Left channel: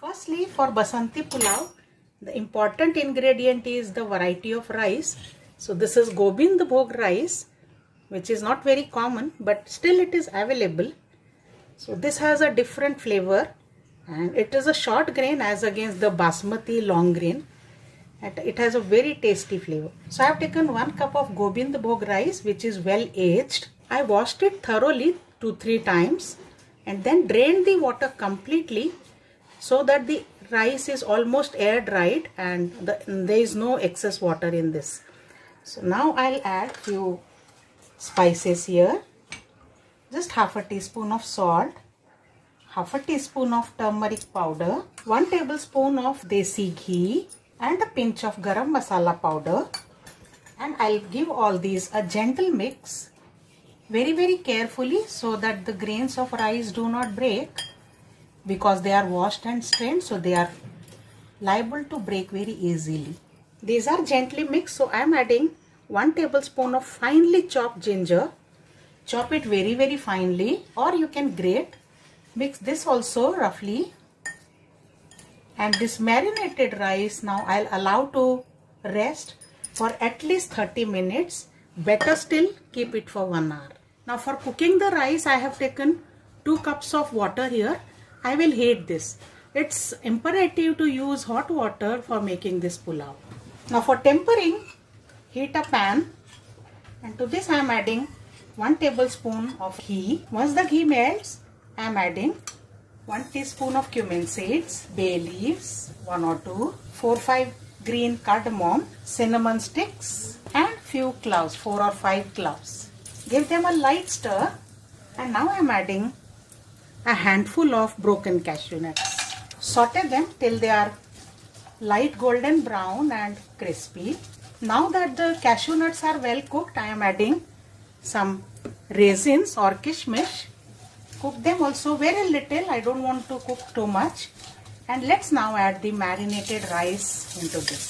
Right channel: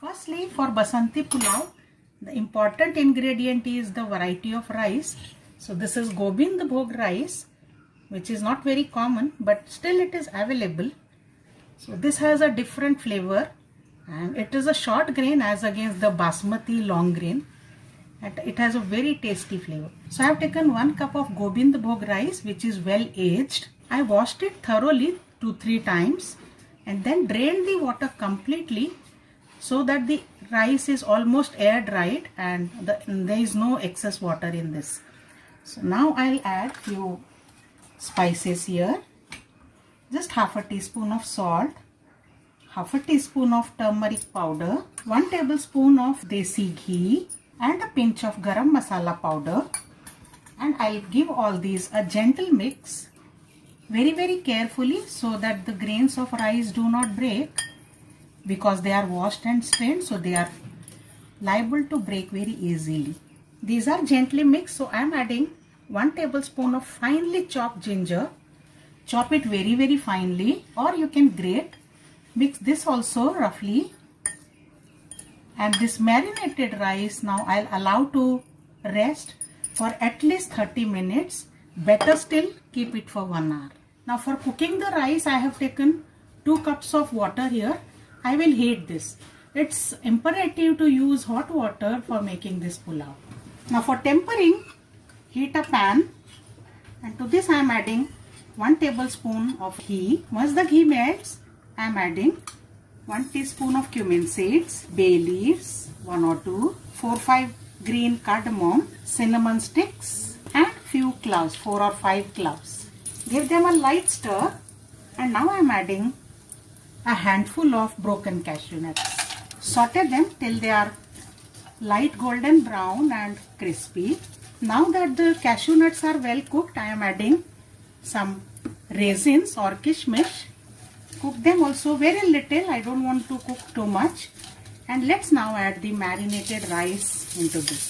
Firstly, for Basanti Pulao, the important ingredient is the variety of rice. So this is Gobind Bhog rice, which is not very common, but still it is available. So this has a different flavor and it is a short grain as against the Basmati long grain. And it has a very tasty flavor. So I have taken 1 cup of Gobind Bhog rice, which is well aged. I washed it thoroughly 2-3 times and then drained the water completely so that the rice is almost air dried and there is no excess water in this. So now I'll add few spices here. Just half a teaspoon of salt, half a teaspoon of turmeric powder, 1 tablespoon of desi ghee and a pinch of garam masala powder, and I'll give all these a gentle mix very carefully so that the grains of rice do not break, because they are washed and strained, so they are liable to break very easily. These are gently mixed, so I am adding 1 tablespoon of finely chopped ginger. Chop it very finely, or you can grate. Mix this also roughly. And this marinated rice now I'll allow to rest for at least 30 minutes. Better still, keep it for 1 hour. Now for cooking the rice, I have taken 2 cups of water here. I will heat this. It's imperative to use hot water for making this pulao. Now for tempering, heat a pan, and to this I am adding 1 tablespoon of ghee. Once the ghee melts, I am adding 1 teaspoon of cumin seeds, bay leaves, 1 or 2, 4-5 green cardamom, cinnamon sticks and few cloves, 4 or 5 cloves. Give them a light stir, and now I am adding a handful of broken cashew nuts. Saute them till they are light golden brown and crispy. Now that the cashew nuts are well cooked, I am adding some raisins or kishmish. Cook them also very little, I don't want to cook too much. And let's now add the marinated rice into this.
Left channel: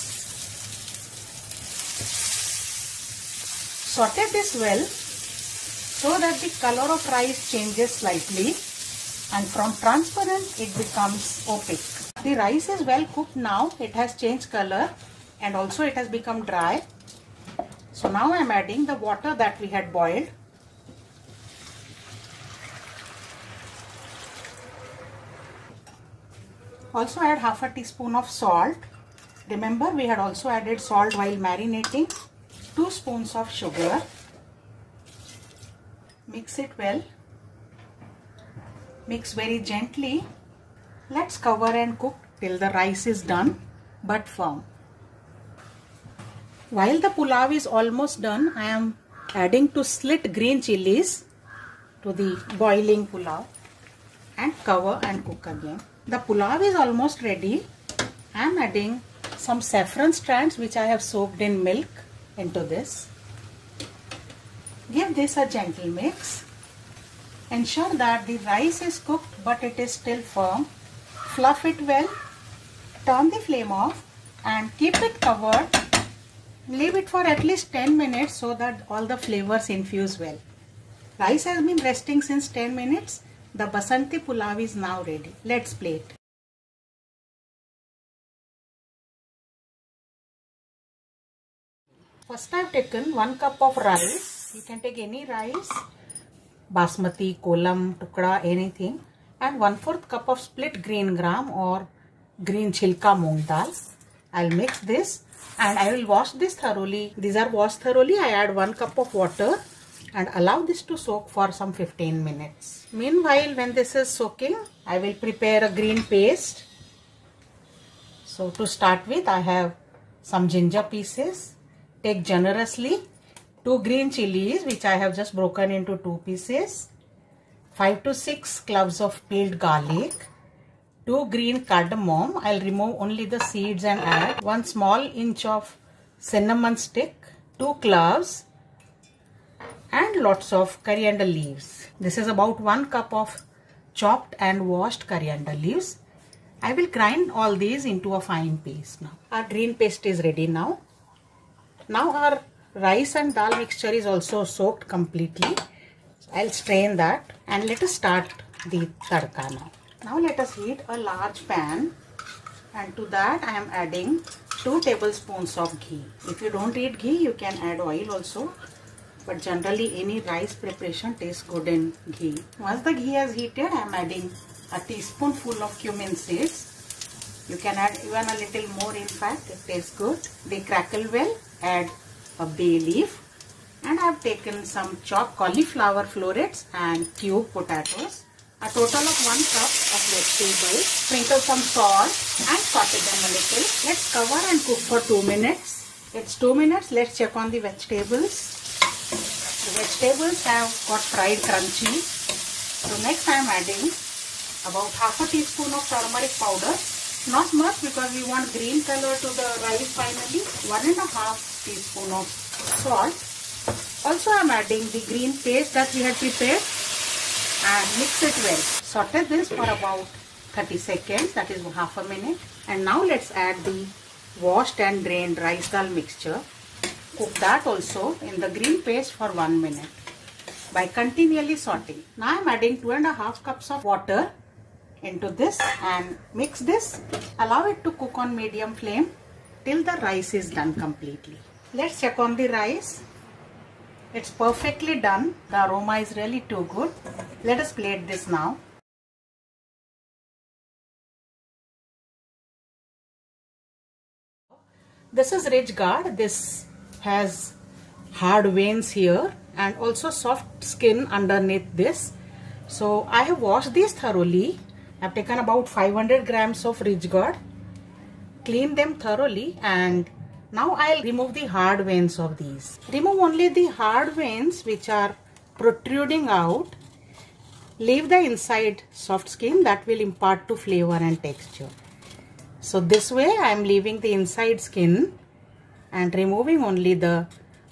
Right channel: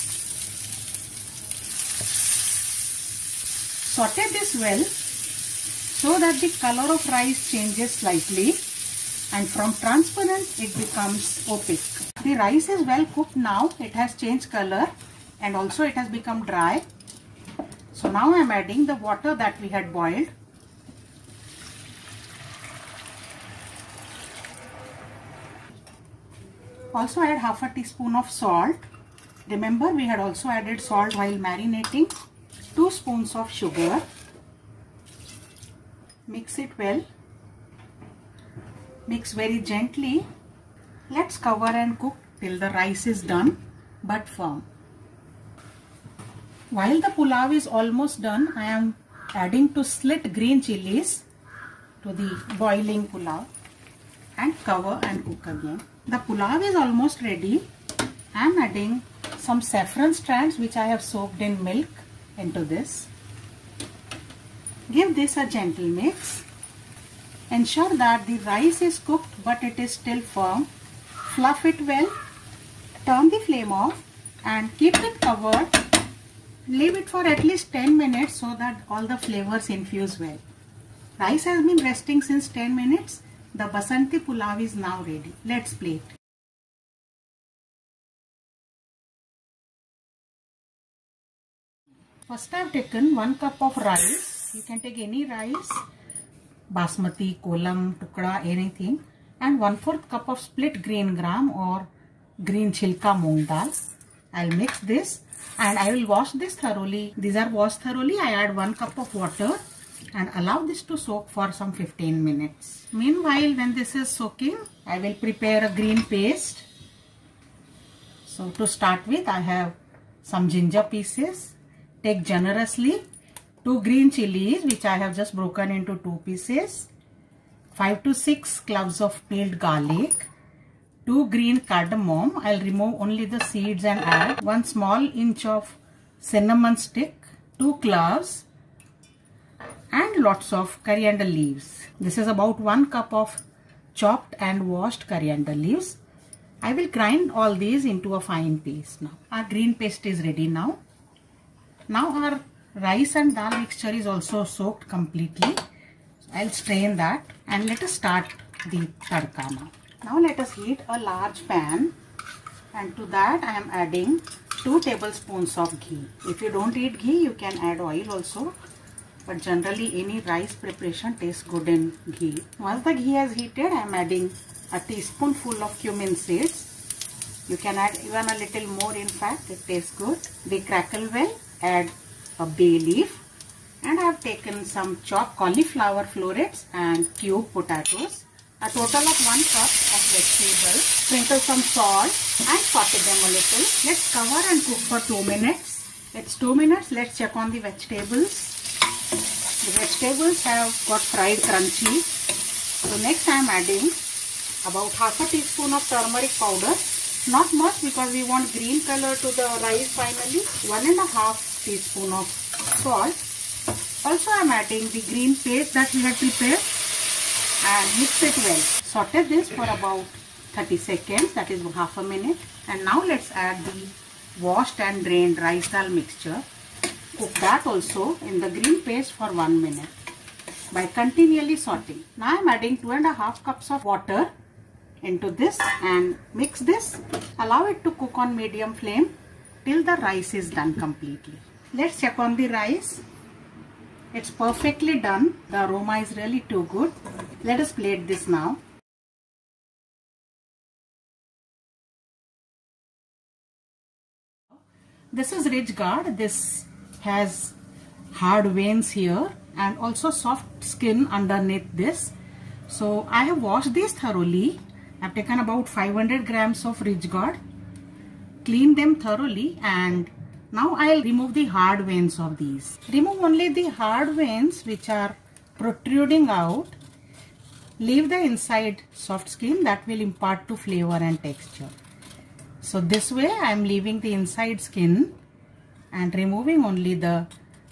Saute this well so that the color of rice changes slightly and from transparent it becomes opaque. The rice is well cooked now, it has changed color and also it has become dry. So now I am adding the water that we had boiled. Also add half a teaspoon of salt. Remember, we had also added salt while marinating. 2 spoons of sugar. Mix it well. Mix very gently. Let's cover and cook till the rice is done but firm. While the pulao is almost done, I am adding 2 slit green chilies to the boiling pulao and cover and cook again. The pulao is almost ready. I am adding some saffron strands which I have soaked in milk into this. Give this a gentle mix. Ensure that the rice is cooked but it is still firm. Fluff it well. Turn the flame off and keep it covered. Leave it for at least 10 minutes so that all the flavors infuse well. Rice has been resting since 10 minutes. The Basanti Pulao is now ready. Let's plate. First I have taken 1 cup of rice. You can take any rice, basmati, kolam, tukda, anything, and 1/4 cup of split green gram or green chilka moong dal. I'll mix this and I will wash this thoroughly. These are washed thoroughly. I add 1 cup of water and allow this to soak for some 15 minutes. Meanwhile, when this is soaking, I will prepare a green paste. So to start with, I have some ginger pieces. Take generously 2 green chilies which I have just broken into 2 pieces, 5 to 6 cloves of peeled garlic, 2 green cardamom. I'll remove only the seeds and add 1 small inch of cinnamon stick, 2 cloves and lots of coriander leaves. This is about 1 cup of chopped and washed coriander leaves. I will grind all these into a fine paste now. Our green paste is ready now. Now our rice and dal mixture is also soaked completely. I'll strain that and let us start the tadka now. Now let us heat a large pan, and to that I am adding 2 tablespoons of ghee. If you don't eat ghee, you can add oil also, but generally any rice preparation tastes good in ghee. Once the ghee has heated, I am adding a teaspoonful of cumin seeds. You can add even a little more, in fact, it tastes good. They crackle well. Add a bay leaf, and I have taken some chopped cauliflower florets and cube potatoes. A total of 1 cup of vegetables. Sprinkle some salt and saute them a little. Let's cover and cook for 2 minutes. It's 2 minutes. Let's check on the vegetables. The vegetables have got fried crunchy. So next I am adding about half a teaspoon of turmeric powder. Not much because we want green color to the rice finally. 1.5 teaspoon of salt. Also I am adding the green paste that we had prepared and mix it well. Saute this for about 30 seconds, that is half a minute. And now let's add the washed and drained rice dal mixture. Cook that also in the green paste for 1 minute by continually sauteing. Now I am adding 2.5 cups of water into this and mix this. Allow it to cook on medium flame till the rice is done completely. Let's check on the rice. It's perfectly done. The aroma is really too good. Let us plate this now. This is ridge gourd. This has hard veins here and also soft skin underneath this. So I have washed these thoroughly. I have taken about 500 grams of ridge gourd. Clean them thoroughly, and now I'll remove the hard veins of these. Remove only the hard veins which are protruding out. Leave the inside soft skin that will impart to flavor and texture. So this way I am leaving the inside skin and removing only the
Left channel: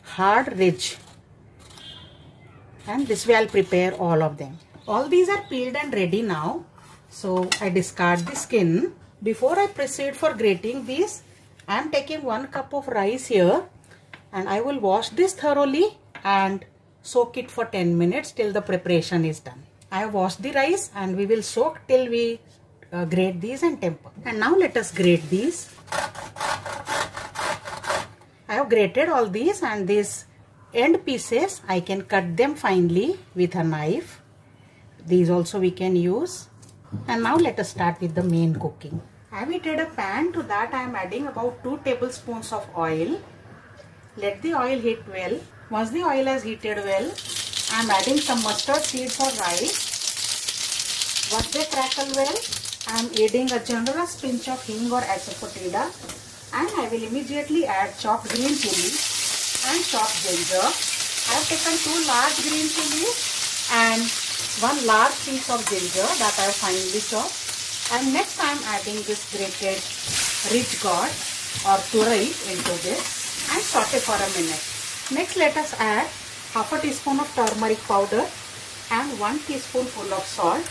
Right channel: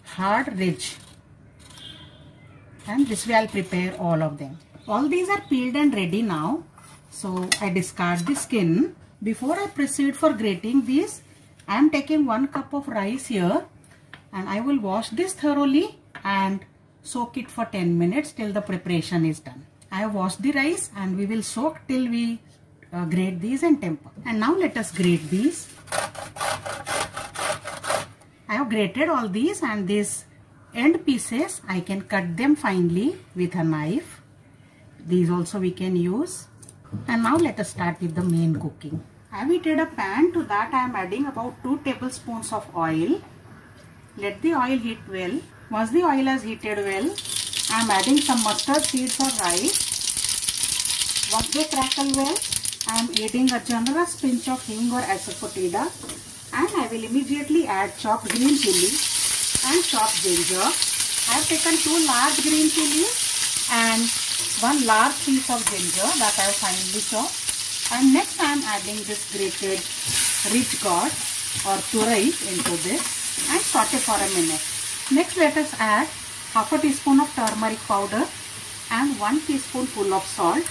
hard ridge. And this way I'll prepare all of them. All these are peeled and ready now. So I discard the skin. Before I proceed for grating these, I am taking 1 cup of rice here, and I will wash this thoroughly and soak it for 10 minutes till the preparation is done. I have washed the rice and we will soak till we grate these and temper. And now let us grate these. I have grated all these, and these end pieces I can cut them finely with a knife. These also we can use. And now let us start with the main cooking. I have heated a pan. To that I am adding about 2 tablespoons of oil. Let the oil heat well. Once the oil has heated well, I am adding some mustard seeds or rice. Once they crackle well, I am adding a generous pinch of hing or asafoetida, and I will immediately add chopped green chili and chopped ginger. I have taken 2 large green chilies and 1 large piece of ginger that I have finely chopped. And next I am adding this grated ridge gourd or turai into this and saute for a minute. Next let us add half a teaspoon of turmeric powder and 1 teaspoonful of salt,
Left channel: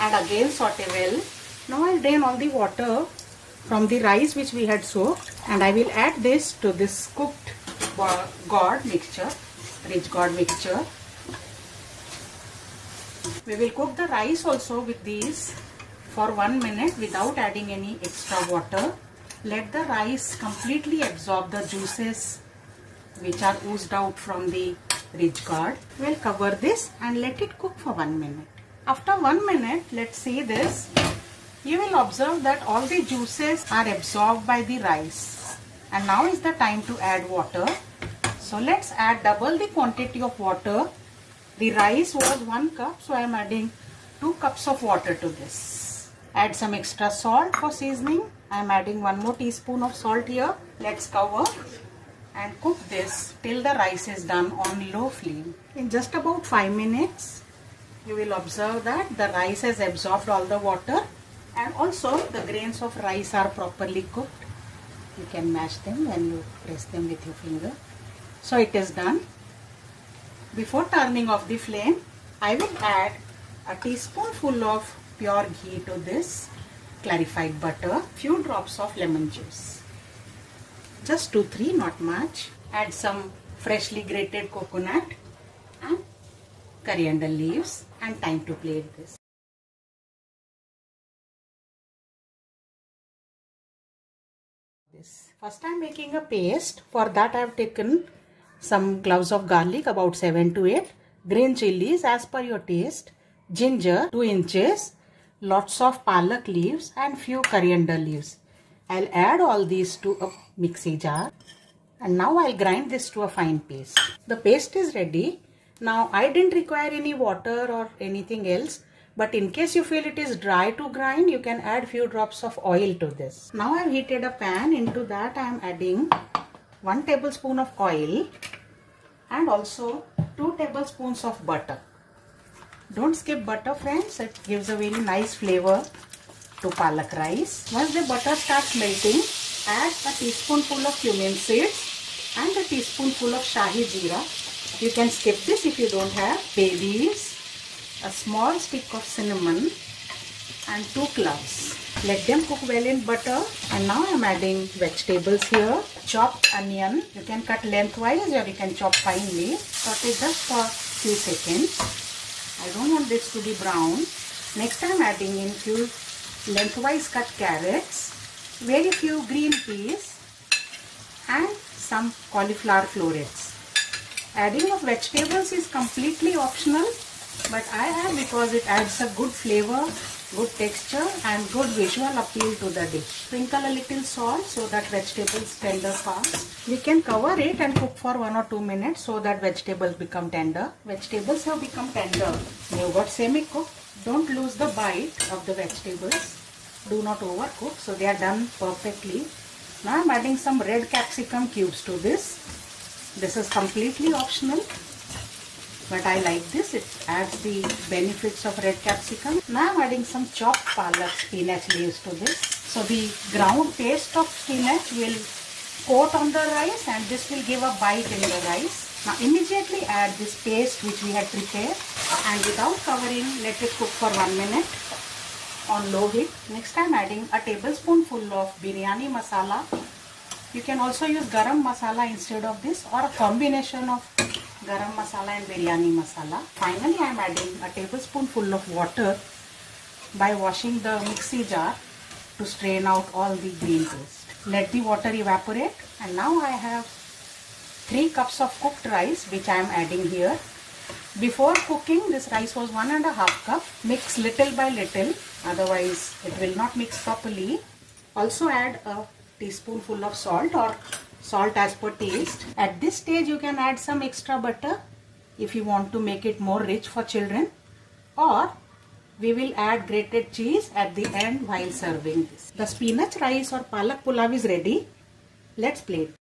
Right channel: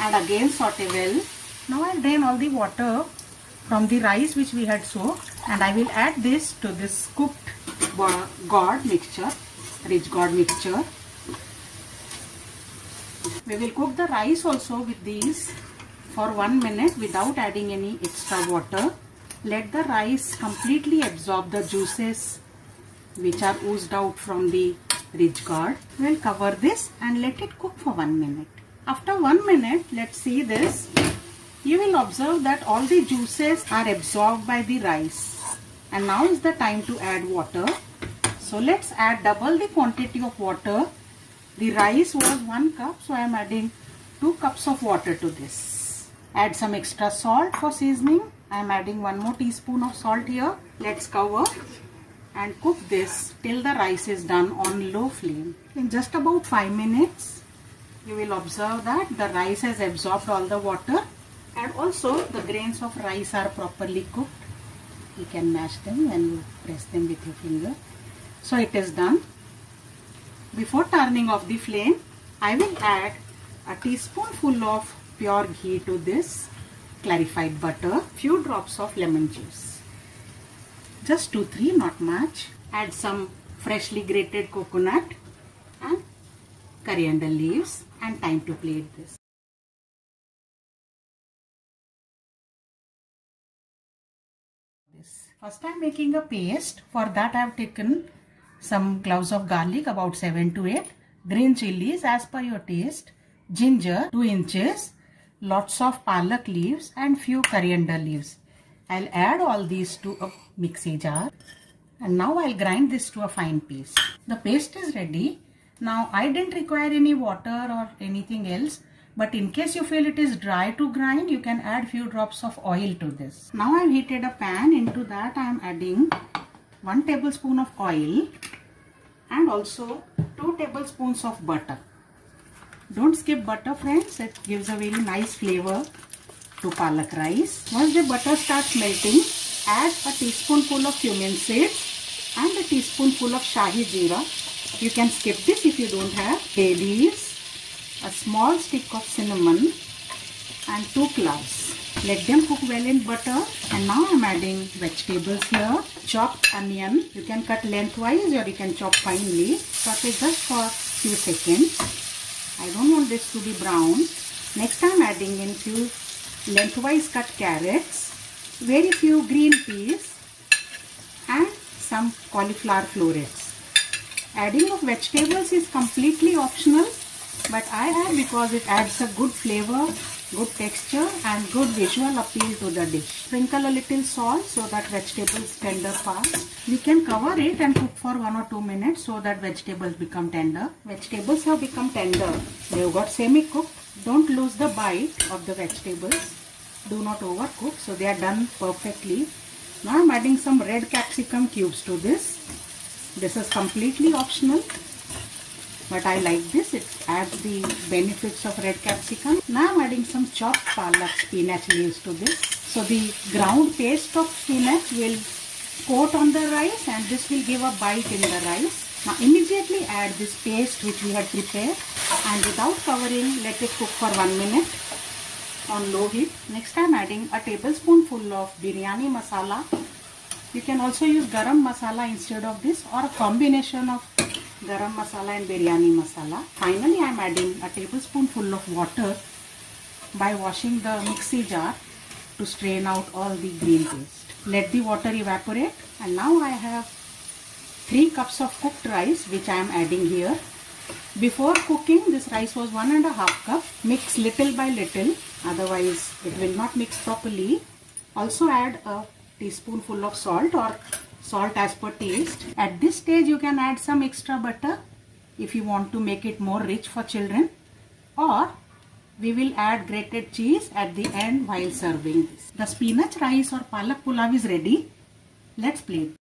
and again saute well. Now I drain all the water from the rice which we had soaked, and I will add this to this cooked gourd mixture, ridge gourd mixture. We will cook the rice also with these for 1 minute without adding any extra water. Let the rice completely absorb the juices which are oozed out from the ridge gourd. We will cover this and let it cook for 1 minute. After 1 minute, let's see this. You will observe that all the juices are absorbed by the rice. And now is the time to add water. So let's add double the quantity of water. The rice was 1 cup, so I am adding 2 cups of water to this. Add some extra salt for seasoning. I am adding 1 more teaspoon of salt here. Let's cover and cook this till the rice is done on low flame. In just about 5 minutes, you will observe that the rice has absorbed all the water, and also the grains of rice are properly cooked. You can mash them when you press them with your finger. So it is done. Before turning off the flame, I will add a teaspoonful of pure ghee to this, clarified butter, few drops of lemon juice. Just 2-3, not much. Add some freshly grated coconut and coriander leaves, and time to plate this. First I am making a paste. For that I have taken some cloves of garlic, about 7 to 8, green chilies as per your taste, ginger 2 inches, lots of palak leaves and few coriander leaves. I'll add all these to a mixie jar and now I'll grind this to a fine paste. The paste is ready. Now I didn't require any water or anything else, but in case you feel it is dry to grind, you can add few drops of oil to this. Now I've heated a pan. Into that I am adding 1 tablespoon of oil and also 2 tablespoons of butter. Don't skip butter, friends. It gives a very nice flavor to palak rice. Once the butter starts melting, add a teaspoonful of cumin seeds and a teaspoonful of shahi jeera. You can skip this if you don't have. Bay leaves, a small stick of cinnamon and 2 cloves. Let them cook well in butter. And now I am adding vegetables here. Chopped onion. You can cut lengthwise or you can chop finely. Saute just for few seconds. I don't want this to be brown. Next I am adding in few lengthwise cut carrots, very few green peas and some cauliflower florets. Adding of vegetables is completely optional, but I have because it adds a good flavor, good texture and good visual appeal to the dish. Sprinkle a little salt so that vegetables tender fast. We can cover it and cook for 1 or 2 minutes so that vegetables become tender. Vegetables have become tender. You got semi-cooked. Don't lose the bite of the vegetables. Do not overcook, so they are done perfectly. Now I am adding some red capsicum cubes to this. This is completely optional, but I like this. It adds the benefits of red capsicum. Now I am adding some chopped palak spinach leaves to this. So the ground paste of spinach will coat on the rice and this will give a bite in the rice. Now immediately add this paste which we had prepared and without covering, let it cook for 1 minute on low heat. Next I am adding a tablespoonful of biryani masala. You can also use garam masala instead of this or a combination of garam masala and biryani masala. Finally I am adding a tablespoonful of water by washing the mixie jar to strain out all the green paste. Let the water evaporate and now I have 3 cups of cooked rice which I am adding here. Before cooking, this rice was 1.5 cup. Mix little by little, otherwise it will not mix properly. Also add a teaspoonful of salt or salt as per taste. At this stage you can add some extra butter if you want to make it more rich for children, or we will add grated cheese at the end while serving this. The spinach rice or palak pulav is ready. Let's plate.